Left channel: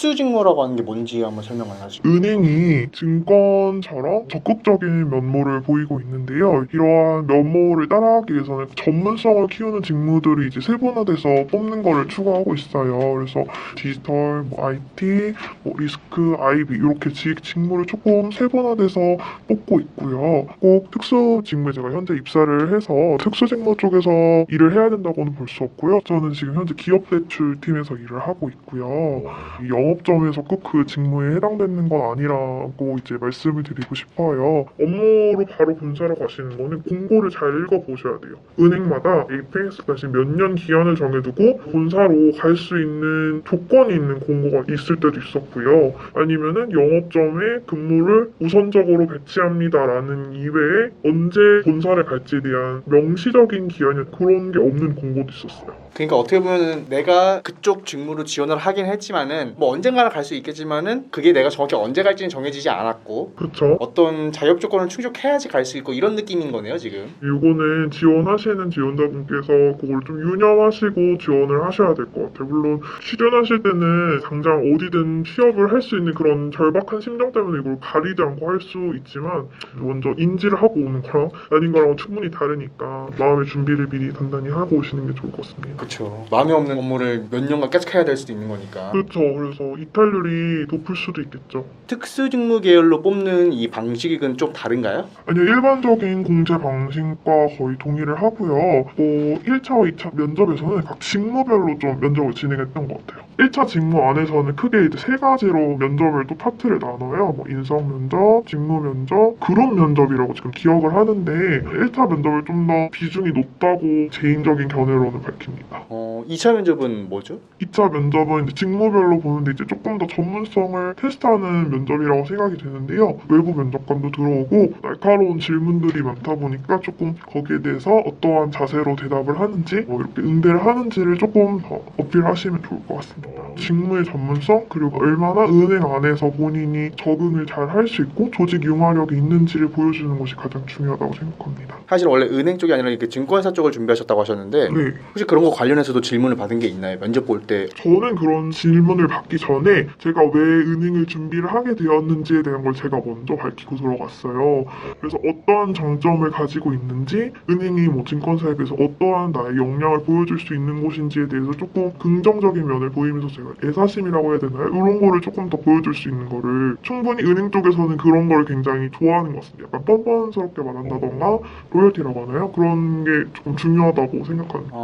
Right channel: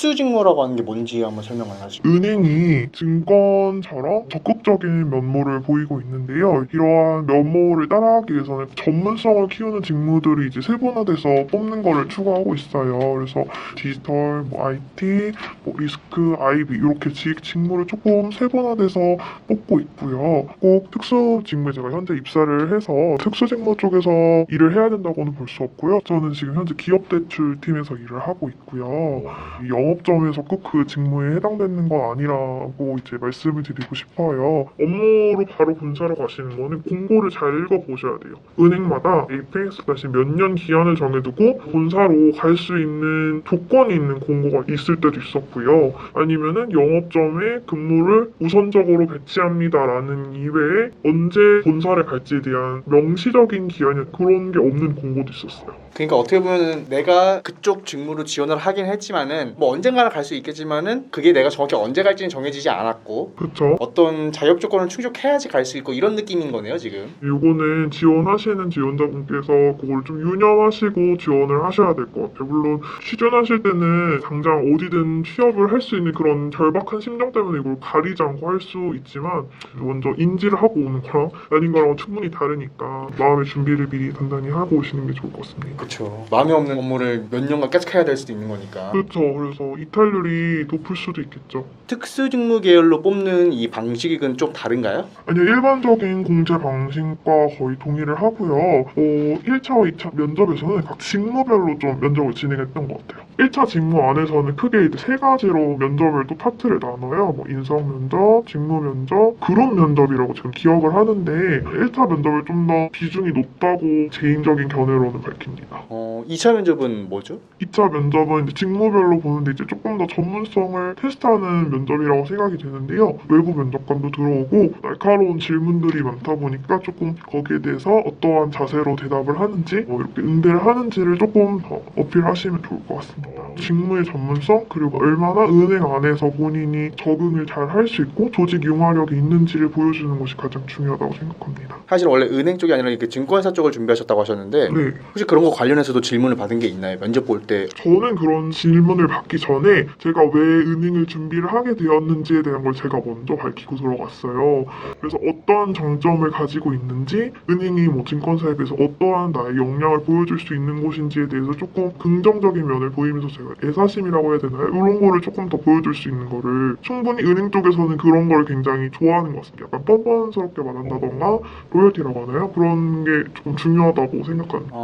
특수직무라고 하는 게 뭔지 한번 설명을 하시죠. 은행이 증권처럼 적극적인 면모를 보이고 있는데요. 이러한 면모를 따라하기 위해서는 전문성을 키우는 직무들이 이제 세분화돼서 뽑는 거를 추구하고 있어요. 그래서 디지털, IT, 리스크, IB 이렇게 직무를 조금 세분화돼서 뽑고 있고요. 꼭 특수 직무에 제가 현재 입사를 해서 특수 직무 쪽에서 일을 해야 된다고는 볼 수 없고요. 저는 지금 현재 기업 대출팀에서 일을 하고 있고요. 이 영업점에서 꼭 그 직무에 해당되는 건 아니라고 이제 말씀을 드리고 싶어요. 업무로 바로 본사를 가시는 거는 공고를 잘 읽어보셔야 돼요. 은행마다 APEX 몇 년 기한을 정해두고 본사로 갈 수 있는 조건이 있는 공고가 있을 때도 있었고요. 아니면은 영업점에 근무를 우선적으로 배치합니다라는 이외에 언제 본사를 갈지에 대한 명시적인 기한이 그런 게 없는 공고도 있었어요. 그러니까 어떻게 보면 내가 그쪽 직무로 지원을 하긴 했지만은 뭐 언젠가는 갈 수 있겠지만은 그게 내가 정확히 언제 갈지는 정해지지 않았고 그렇죠. 어떤 자격 조건을 충족해야지 갈 수 있고 이런 느낌인 거네요 지금. 이거는 지원하시는 지원자분께서 그걸 좀 유념하시고 지원을 하셔야 될 것 같아요. 물론 취준하실 때는 당장 어디든 취업을 할 수 있는 그런 절박한 심정 때문에 이걸 가리지 않고 할 수 있지만 먼저 인지를 하고 오는 거 아닌 거랑 충분히 다르니까 마음의 준비를 미리 단단히 하고 오시는 게 좋을 것 같습니다. 그렇죠. 마음에 없는 업무를 몇 년간 계속 해야 될 수도 있는 거니까. 그렇죠. 그래서 이탈률이 높을 수도 있겠죠. 특수직무 계열로 뽑는 이 방식은 좀 다른가요? 아니요, 일반적인 공채 방식과 거의 동의를 하고요. 1차, 2차 면접에서는 각 직무별로 좀 면접을 진행했던 것 같아요. 1차 직무 안에서는 크게 이제 세 가지로 면접을 또 파트를 나눠요. 인성 면접, 직무 면접, 그룹 면접이라고 지금 기억을 하는데 1차 면접을 좀 더 비중이 높다고 개인적인 견해로는 밝힙니다. 2차 면접은 뭐죠? 2차 면접은 이제 직무별로 보는데 이제 조금 더 전문성을 테스트하는 면접이라고 생각이 되는데요. 외부 면접관도 들어오고 날카로운 질문들이 많다 보니까 조금 거기에 대해서 어떠한 자세로 대답을 하는지 이렇게 응대를 하는지를 조금 더 어필하시면 좋을 것 같습니다. 직무의 전문성 그리고 얼마나 은행 안에서 본인이 적응을 잘 할 수 있고 조직 융화력이 있는지를 보여주는 것이 가장 중요하다고 생각합니다. 사실 원래 은행 쪽이 아니라 이렇게 증권사 쪽을 준비하셨다고 하셨는데 네. 혹시 그런 거 관련해서도 질문을 받은 게 있나요? 면접 볼 때. 저는 그런 질문을 받기 전에 제가 왜 은행을 준비를 하게 되었는지에 대한 걸 제가 먼저 밝히고 들어갔어요. 그래서 어떠한 장점을 가지고 있는지 은행이 뭐 증권사에 비해서 어떠한 나의 역량을 보여줄 수 있는 곳인지에 대해서 조금 긍정적인 면을 보이면서 제가 애사심이라고 해야 되나요? 이런 거를 조금 더 보여줄 수 있는 거를 충분히 은행 쪽에서는 그런 걸 굉장히 좋아하는 것 같습니다. 약간 뻔뻔스럽게 말한다던가 로열티라고 하나요? 그런 게 조금 중요하다고 생각합니다.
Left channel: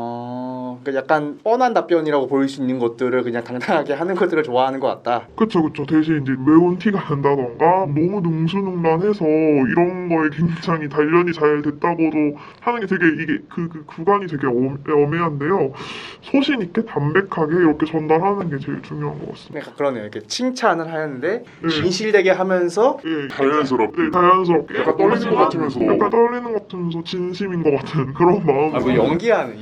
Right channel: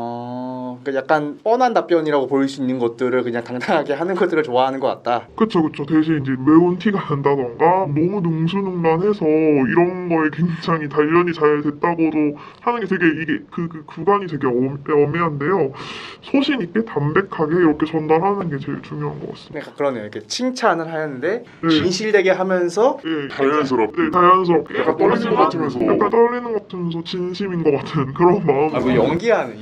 그러니까 약간 뻔한 답변이라고 보일 수 있는 것들을 그냥 당당하게 하는 것들을 좋아하는 것 같다. 그쵸. 대신 이제 매운 티가 난다던가 너무 능수능란해서 이런 거에 굉장히 단련이 잘 됐다고도 하는 게 되게 이게 그 구간이 되게 애매한데요. 소신 있게 담백하게 이렇게 전달하는 게 제일 중요한 것 같습니다. 그러니까 그러네요. 이렇게 칭찬을 하는데 네. 진실되게 하면서 네, 자연스럽게 약간 떨리는 것 같으면서 진심인 것 같은 그런 마음. 뭐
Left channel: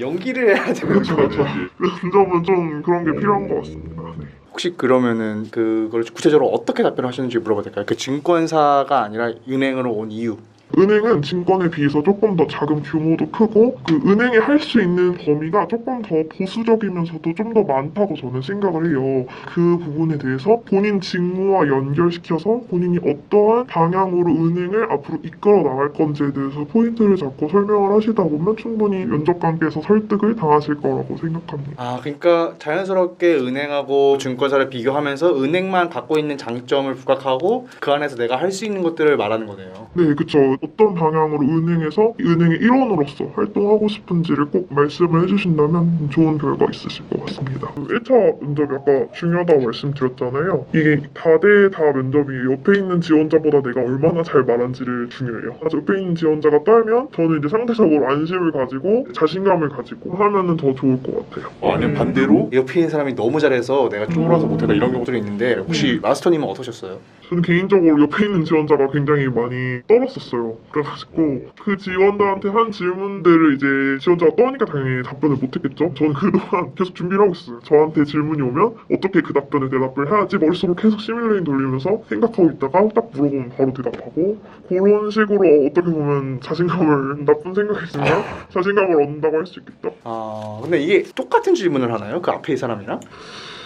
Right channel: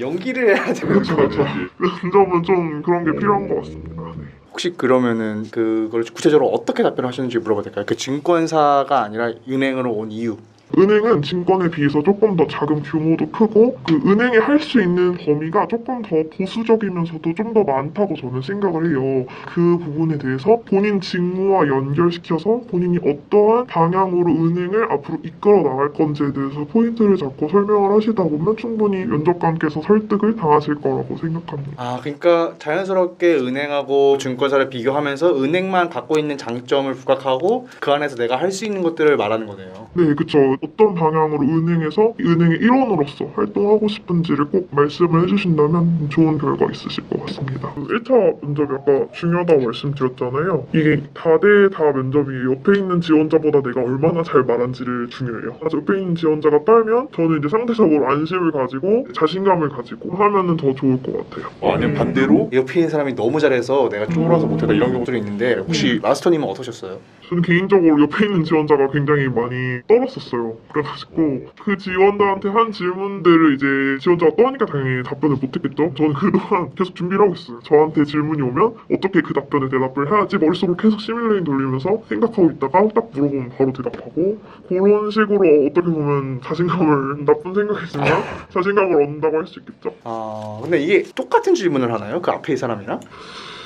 연기를 해야 되는 그렇죠. 면접은 좀 그런 게 필요한 것 같습니다. 네. 혹시 그러면은 그걸 구체적으로 어떻게 답변하셨는지 물어봐도 될까요? 그 증권사가 아니라 은행으로 온 이유. 은행은 증권에 비해서 조금 더 자금 규모도 크고 그 은행이 할 수 있는 범위가 조금 더 보수적이면서도 좀 더 많다고 저는 생각을 해요. 그 부분에 대해서 본인 직무와 연결시켜서 본인이 어떠한 방향으로 은행을 앞으로 이끌어 나갈 건지에 대해서 포인트를 잡고 설명을 하시다 보면 충분히 면접관께서 설득을 당하실 거라고 생각합니다. 그러니까 자연스럽게 은행하고 증권사를 비교하면서 은행만 갖고 있는 장점을 부각하고 그 안에서 내가 할 수 있는 것들을 말하는 거네요. 네, 그쵸. 어떤 방향으로 은행에서 은행의 일원으로서 활동하고 싶은지를 꼭 말씀을 해주신다면 좋은 결과 있으실 것 같습니다. 1차 면접이 아까 중요하다고 말씀드렸잖아요. 이게 다대 다 면접이 옆에 있는 지원자보다 내가 얼마나 잘 말한지를 중요해요. 그래서 옆에 있는 지원자가 떨면 저는 이제 상대적으로 안심을 가지고 자신감을 가지고 하면은 더 좋을 것 같아요. 아니면 반대로 옆에 있는 사람이 너무 잘해서 내가 쫄아서 못하다 이런 것들이 있는데 혹시 마스터님은 어떠셨어요? 저는 개인적으로 옆에 있는 지원자가 굉장히 많이 떨었었어요. 그래가지고 그 지원자한테 한 질문들을 이제 지원자가 떠니까 당연히 답변을 못했겠죠. 저는 그동안 계속 준비를 하고 있어요. 저한테 질문이 오면 어떻게 그 답변에 대답을 해야지 머릿속으로 계속 시뮬레이션 돌리면서 생각하고 있다가 딱 물어보면 바로 대답하고 그런 식으로 어떻게 보면 자신감을 나쁜 생각이지만 자신감을 얻는다고 할 수 있겠죠. 근데 이게 똑같은 질문을 하나요? 그 앞에 이 사람이랑?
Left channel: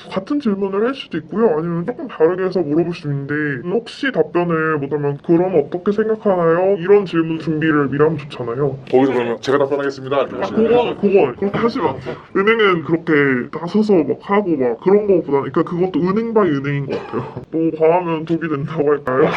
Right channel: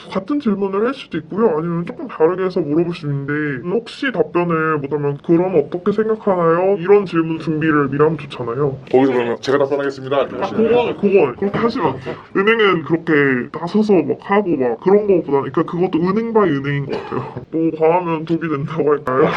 같은 질문을 할 수도 있고요. 아니면 조금 다르게 해서 물어볼 수 있는데 혹시 답변을 못하면 그럼 어떻게 생각하나요? 이런 질문 준비를 미리 하면 좋잖아요. 거기서 그러면 제가 답변하겠습니다. 그건 그렇게 하시면 안 돼요. 은행은 그렇게 나서서 막 하고 막 그런 거보다 그러니까 그것도 은행 바이 은행인 것 같아요. 뭐 과하면 독이 된다고 할까요?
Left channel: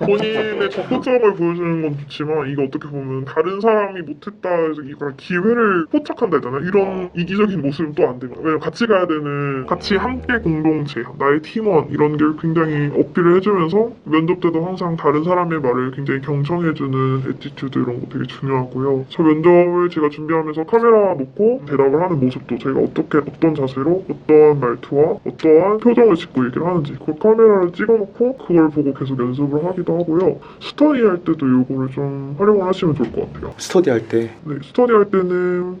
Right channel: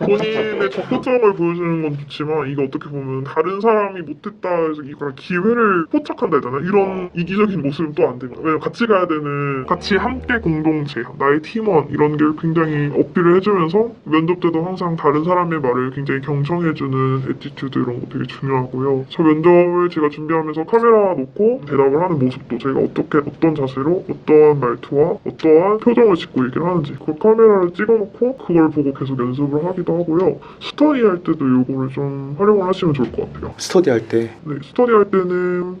본인의 적극성을 보여주는 건 좋지만 이게 어떻게 보면 다른 사람이 못했다 해서 이걸 기회를 포착한다 해야 되나? 이런 이기적인 모습은 또 안 됩니다. 왜냐면 같이 가야 되는 같이 함께 공동체, 나의 팀원 이런 게 굉장히 어필을 해주면서 면접 때도 항상 다른 사람의 말을 굉장히 경청해주는 애티튜드 이런 거 되게 중요하고요. 저 면접을 제가 준비하면서 카메라 놓고 대답을 하는 모습도 제가 어떤 자세로 어떠한 말투와 어떠한 표정을 짓고 얘기를 하는지 그 카메라를 찍어놓고 그걸 보고 계속 연습을 하기도 하고요. 스터디 할 때도 이거를 좀 활용을 하시면 좋을 것 같아요. 스터디 할 때 네, 스터디 할 때는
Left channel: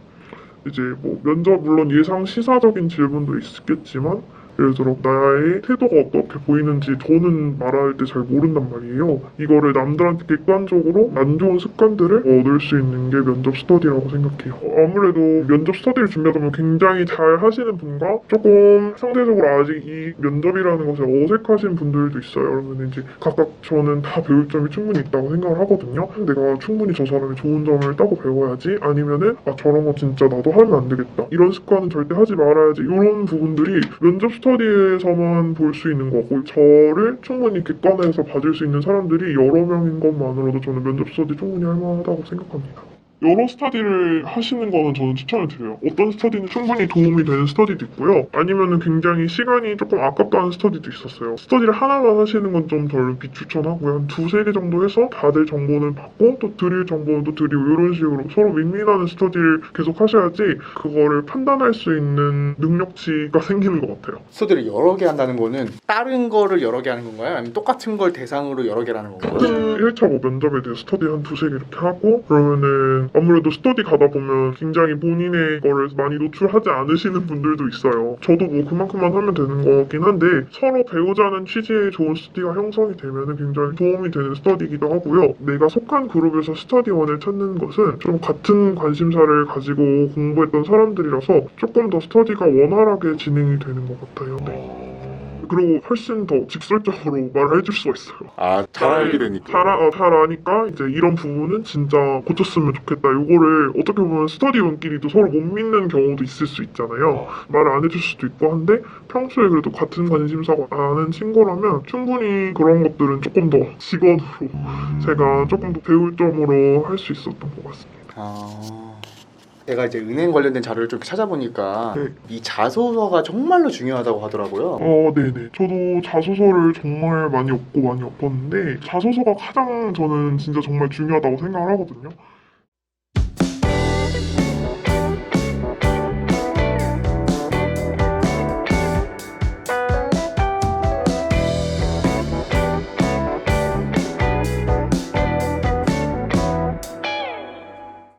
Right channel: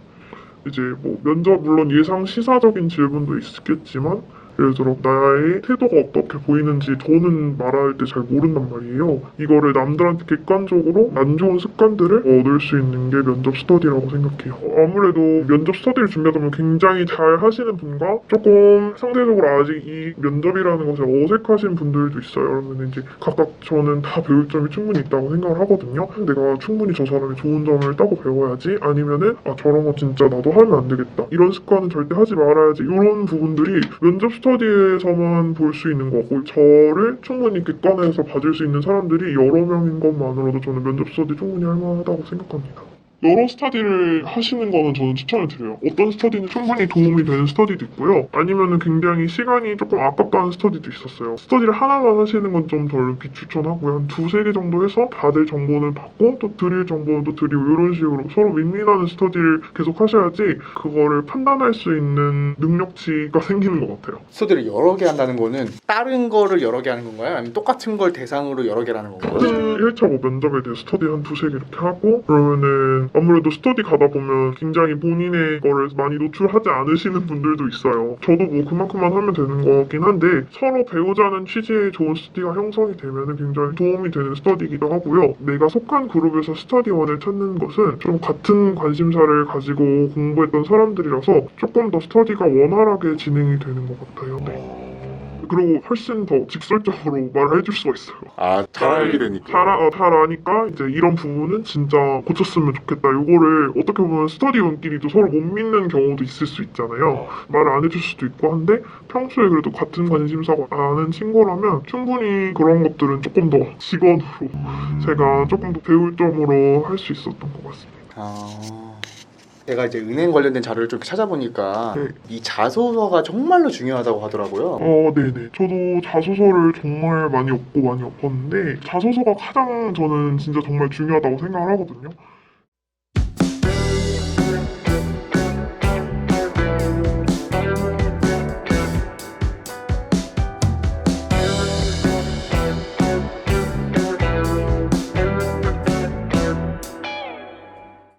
이제 뭐 면접 물론 예상 시사적인 질문도 있겠지만 예를 들어 나의 태도가 어떻게 보이는지 저는 말할 때 잘 모른단 말이에요. 이거를 남들한테 객관적으로 안 좋은 습관들을 얻을 수 있는 게 면접 스터디라고 생각해요. 아무래도 면접 스터디를 준비하다 보면 굉장히 잘 하시는 분과 조금 상대적으로 아직 이 면접이라는 것을 어색하신 분들도 있어요. 그러면 이제 각각 저는 다 배울 점이 충분히 있다고 생각을 하거든요. 내가 충분히 저 사람이 좋은 점을 따고 배워야지 아니면은 저런 거 진짜 나도 하면 안 되겠다. 이런 습관은 절대 하지 말아야지. 이런 부분들이 면접 스터디에서만 볼 수 있는 거고 저를 충분히 객관해서 봐줄 수 있는 사람들이 여러 명인 것만으로도 저는 면접 스터디 충분히 할 만하다고 생각합니다. 여러 스터디를 하시는 거는 저는 추천을 드려요. 어떤 스터디는 충분히 도움이 되는 스터디도 있고요. 아니면은 굉장히 시간이 조금 아깝다는 스터디도 있었어요. 스터디를 하나만 하시는 건 좀 덜 비추천하고요. 한 두세 개 정도 해서 다들 정보를 받고 또 드릴 정보는 또 드리고 이런 식으로 서로 윈윈하는 스터디를 계속 하셔야지 그거를 판단할 수 있는 능력치가 생기는 것 같아요. 스터디를 여러 개 한다는 거는 다른 거를 여러 개 하는 건가요? 아니면 똑같은 걸 대상으로 여러 개를 하는 건가요? 같은 1차 뭐 면접에 대해 스터디 한 두세 개 이렇게 하고 그러면은 아무래도 스터디 가다 보면 굉장히 본인의 거를 많이 노출하지 않으시는 분들도 있어요. 저도 뭐 그만큼만 하면 되는 거긴 한데 서로 배우자는 취지의 좋은 스터디가 형성이 되면 굉장히 도움이 되는 스터디이기도 하고요. 내가 속한 그룹에서 스터디원을 찾는 것은 좀 같은 관심사를 가지고 공부했던 사람들이라서 조금 더 스터디가 원활하게 진행이 되는 것 같아요. 네. 그리고 훨씬 더 직설적으로 말을 해줄 수가 있어요. 잘 알게 되니까. 잘 아니까 이제 이런 부분은 진짜 고쳤으면 좋겠다. 이거를 어떻게 보면 스터디원끼리도 서로 못 믿는 경우도 있을 수 있잖아요. 말을 안 해줄 수도 있고 한데 평소에 그래도 같은 관심사가 많은 친구라면 충분히 그런 것들은 조금 더 직원으로 제가 조금 더 배울 점으로 할 수 있었던 것 같습니다. 제가 이제 은행 관련된 자료를 좀 찾아보니까 네. 이 자소서가 정말로 중요하다고 하더라고요. 네네. 저도 자소서를 정말 많이 엎고 많이 엎었는데 자소서가 가장 저는 진짜 정말 중요하다고 생각을 하거든요.